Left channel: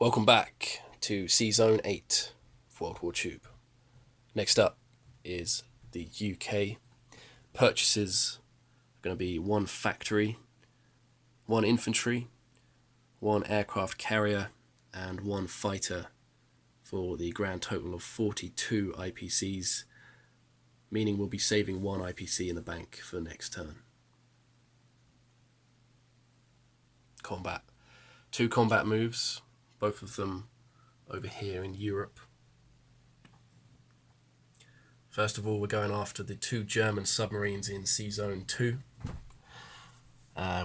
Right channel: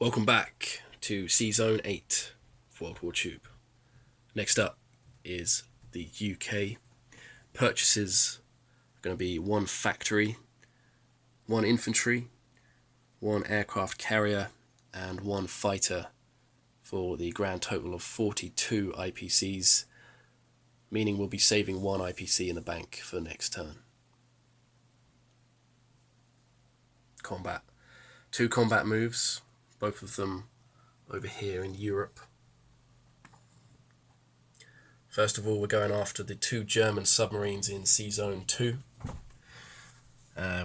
Welcome back to sz8 WWTube. Next up is the UK. Purchases are going to be 1 factory, 1 infantry, 1 aircraft carrier and 1 fighter for the grand total of 42 IPCs, meaning we'll be saving 1 IPC in the bank for next turn. Combat. 2 combat moves, both of them over here in Europe. First of all, we're going after the 2 German submarines in Sea-Zone 2.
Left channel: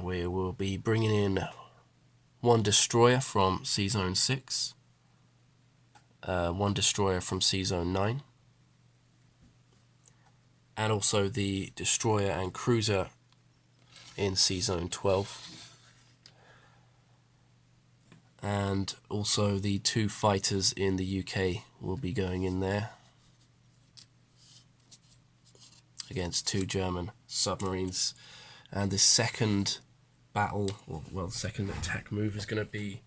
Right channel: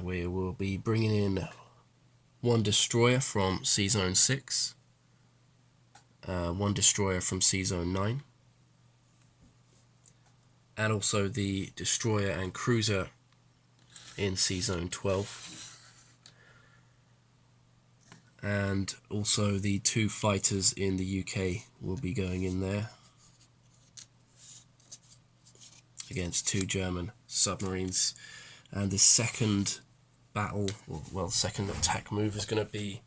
We will be bringing in 1 destroyer from Sea-Zone 6, 1 destroyer from Sea-Zone 9, and also the destroyer and cruiser in Sea-Zone 12. And also the 2 fighters in the UK will be going in there against 2 German submarines. And the second battle, well, second attack move is going to be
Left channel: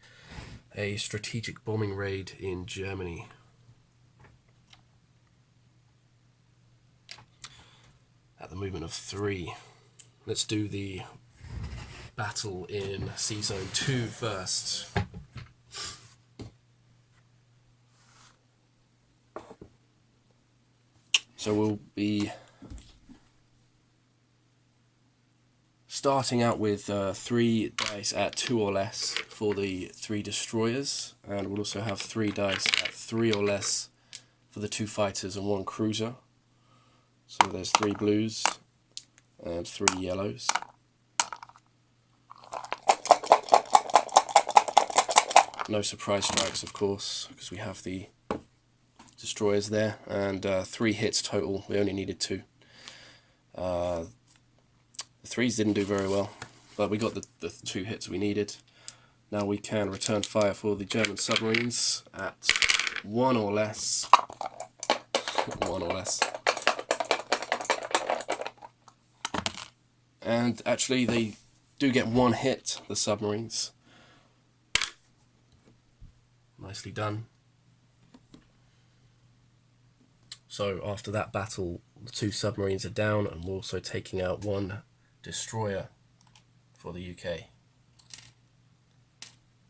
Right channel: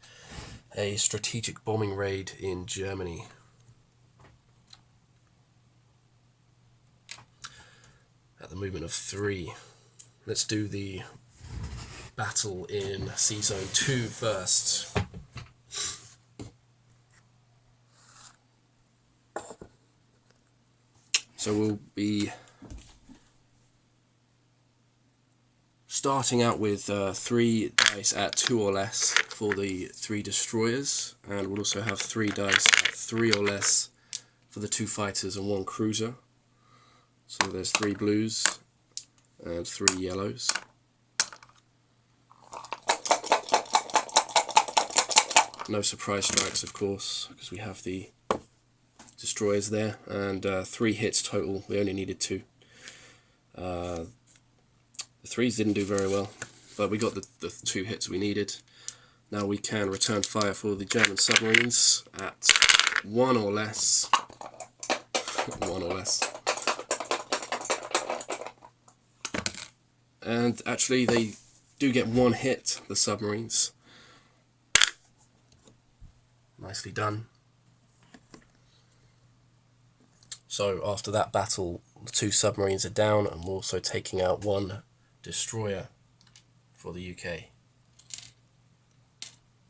a strategic bombing raid in Germany. At the movement of 3. Let's do the battle in Sea-Zone 2 first. So we'll be starting out with 3 dice at 2 or less for the 3 destroyers, and we'll also have 3 dice at 3 or less for the 2 fighters and 1 cruiser. So there's 3 blues and 3 yellows. No surprise strikes, of course, because we have the destroyers there, and 3 hits total. We only needed 2. The 3s didn't do very well, but we got the 2 hits we needed. Now we can return fire for the German submarines at 1 or less. 1 or less. And actually they do get 1 hit, the submarines. Nicely done. So after that battle, the 2 submarines are down, and we're also taking out 1 destroyer for the UK.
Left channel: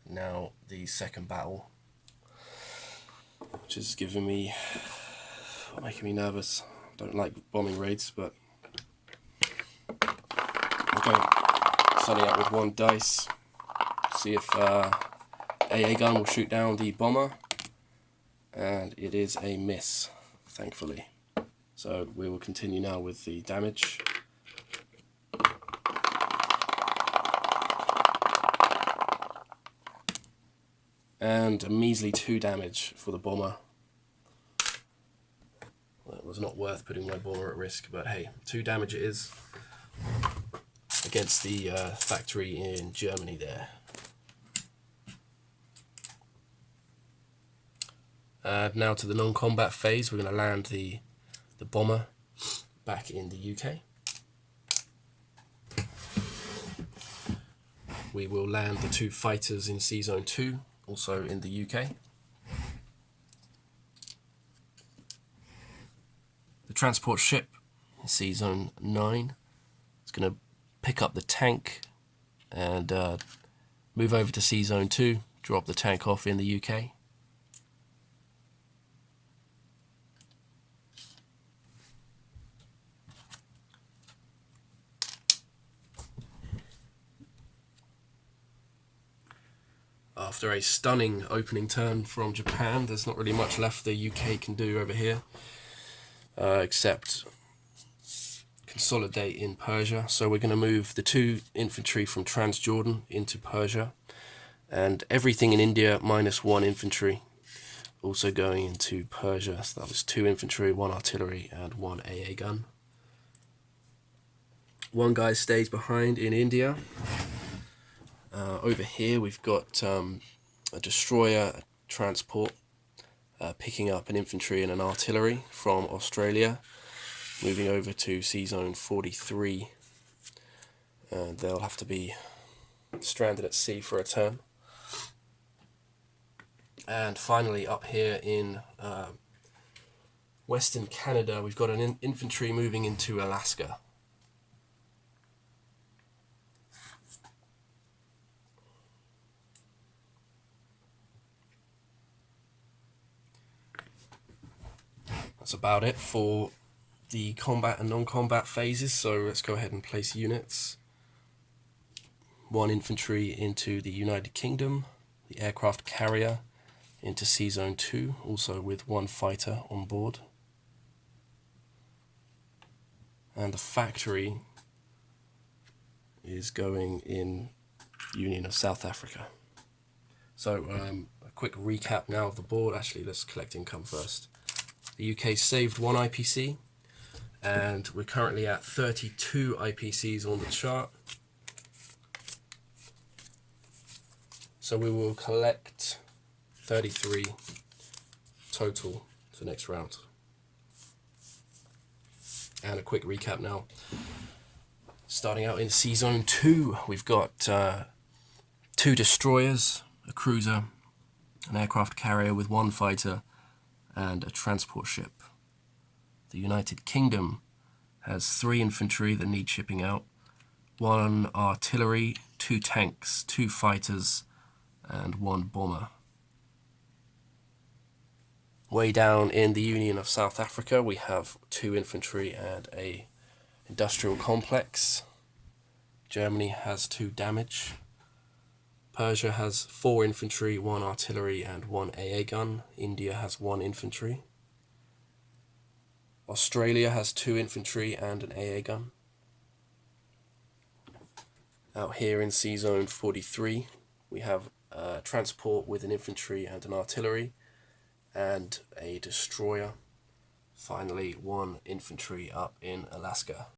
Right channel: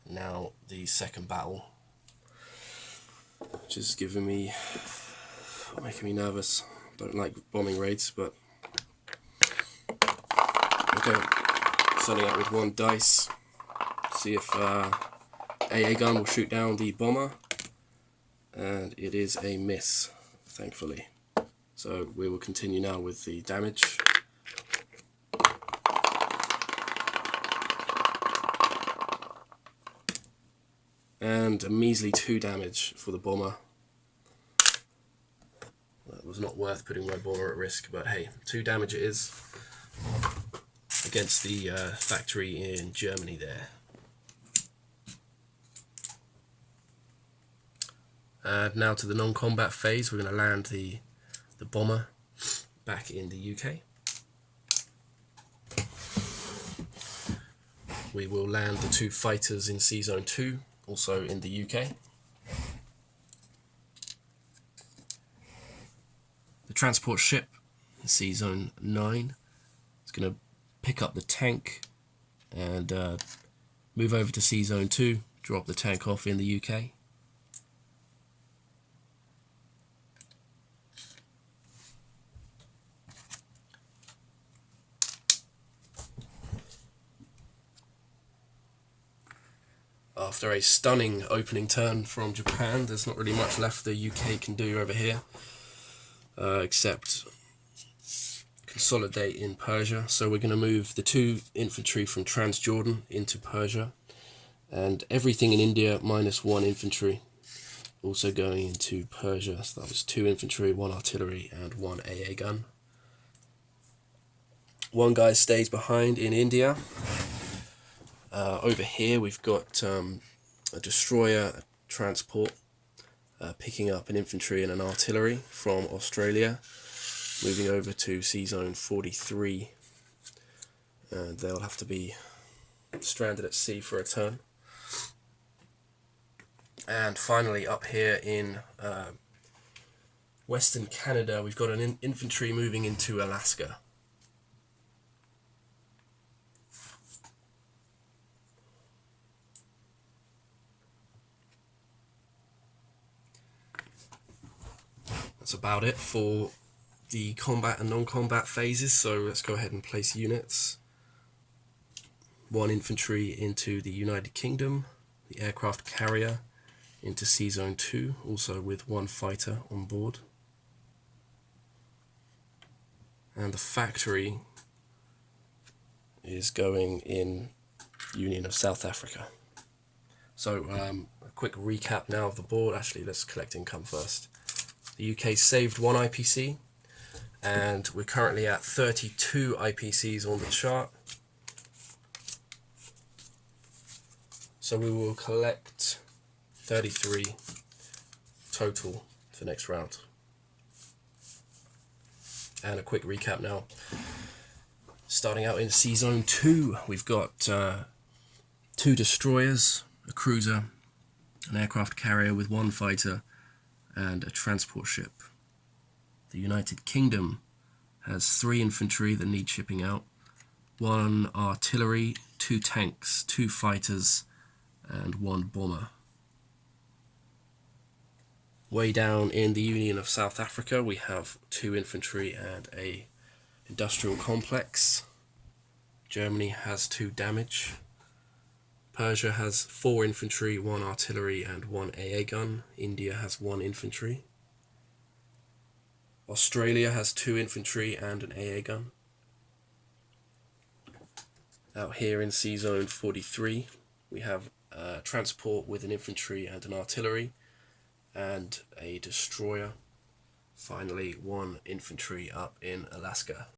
Now the second battle, which is making me nervous. Don't like bombing raids, but okay. Starting out with 1 dice. See if AA gun will shoot down the bomber, and it is a miss, thankfully. So we will continue now with the damage. And a measly 2 damage for the bomber. Well, it was not worth putting my bomber at risk, but hey, 2 damage it is against the factory in Germany there. Now to the non-combat phase, we're going to land the bomber back in the UK. We will land the 2 fighters in Sea-Zone 2, also in the UK. The transport ship in Sea-Zone 9 is going to pick up the tank and move over to Sea-Zone 2, drop the tank off in the UK. After a stunning opening turn from Japan, there's not really much left the UK can do over here, except consolidate in Persia. So we're going to move the 2 infantry from Transjordan into Persia, and everything in India minus 1 infantry also going into Persia. So that was 2 infantry, 1 artillery and 1 AA gun. 1 guy stays behind in India. Over here we've got a destroyer, a transport, picking up an infantry and an artillery from Australia, moving over to Sea-Zone 43, and they'll have to be stranded at sea for a turn. And finally, up here in Western Canada, we've got an infantry moving into Alaska. That's about it for the combat and non-combat phases, so let's go ahead and place units. 1 infantry into the United Kingdom, the aircraft carrier into sz8 2, also with 1 fighter on board. And the factory is going in Union of South Africa. So a quick recap now of the board. Actually, let's collect income first. The UK saved 1 IPC, and we're currently at 32 IPCs on the chart. So we will collect 33 total for next round. And a quick recap now. Starting out in sz8 2, we've got 2 destroyers, a cruiser, an aircraft carrier with 1 fighter, and a transport ship. The United Kingdom has 3 infantry that need shipping out, 1 artillery, 2 tanks, 2 fighters, and 1 bomber. Way down in the Union of South Africa, we have 2 infantry and a industrial complex. Germany has 2 damage. Persia has 4 infantry, 1 artillery, and 1 AA gun. India has 1 infantry. Australia has 2 infantry and an AA gun. Out here in sz8 43, we have transport with an infantry and an artillery, and a destroyer. Finally, 1 infantry up in Alaska.